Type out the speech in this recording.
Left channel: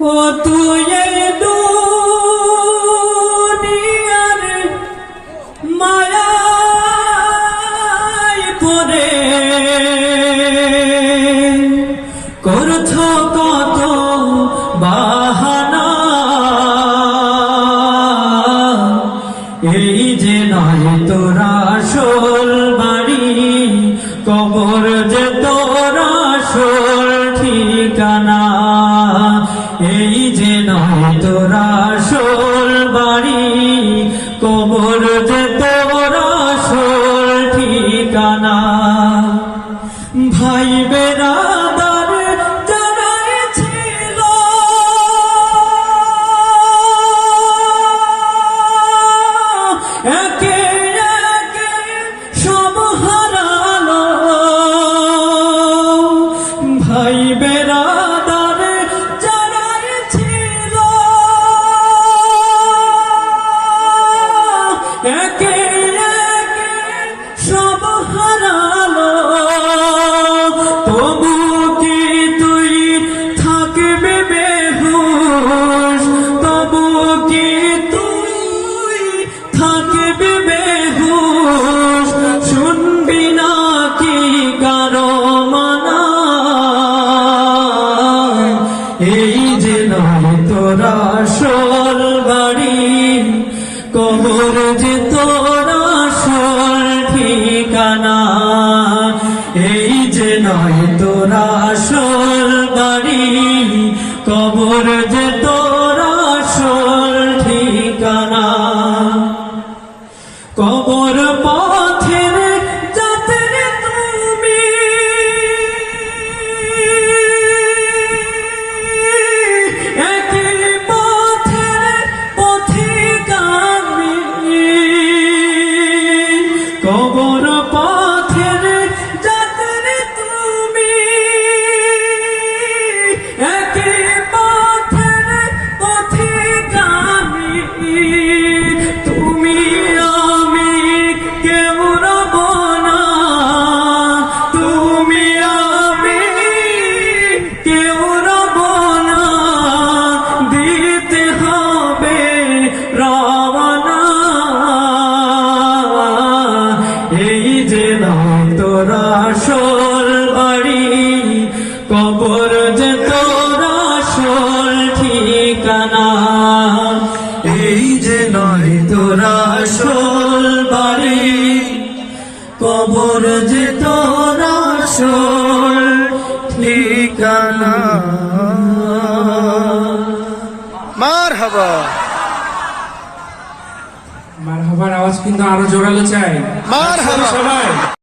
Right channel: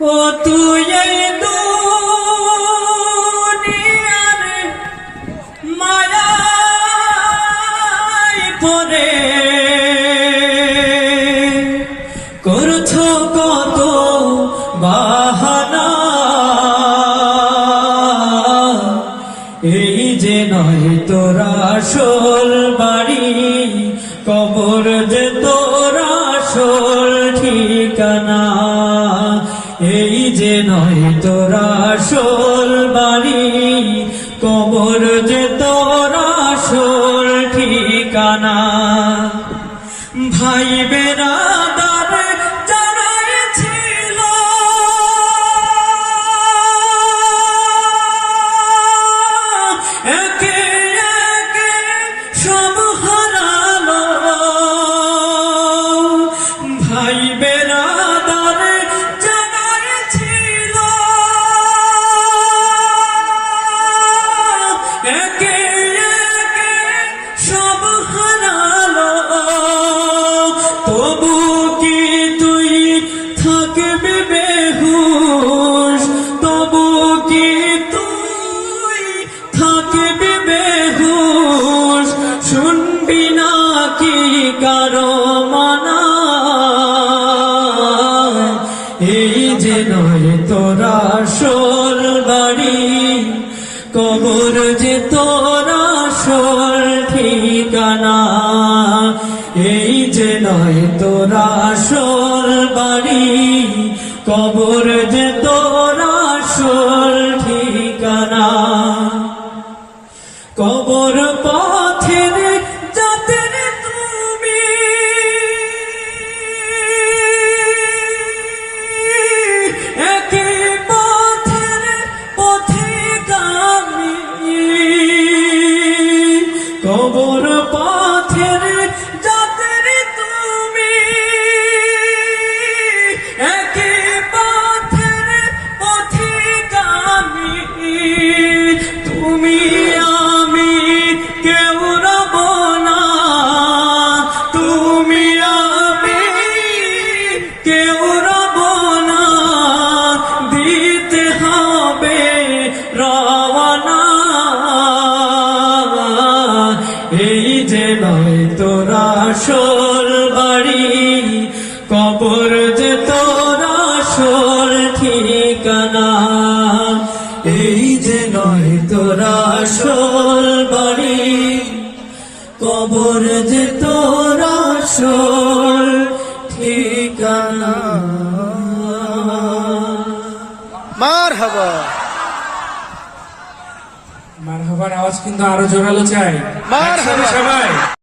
এই দুনিয়ার পড়ে। করছ কত বাহানা। এই যে নয় তোরা আসল বাড়ি কবর যে যে নয় তোরা আসল বাড়ি কবর যে তোরা আসল ঠিকানা। ভাই ছিল একে একে একে সব তুই থাকবি বেহুশ তবু তুই থাকবি বেহুশ শুনবি না কারও মানা এই যে নয় তোরা বাড়ি কবর যে তোরা সোল ঠিকানা, এই যে নয় তোরা সোল বাড়ি, কবর যে তোরা সোল ঠিকানা। কেউ রব না দিতে হবে এই যে তোরা সোল বাড়ি, কবর যে তোরা ঠিকানা। এই যে নয় তোরা সোল বাড়ি, কবর যে ঠিকানা। মার হাবা মার হবার আওয়াজ কিন্তু আরও জোরালো চাই। মার হবা সবাই।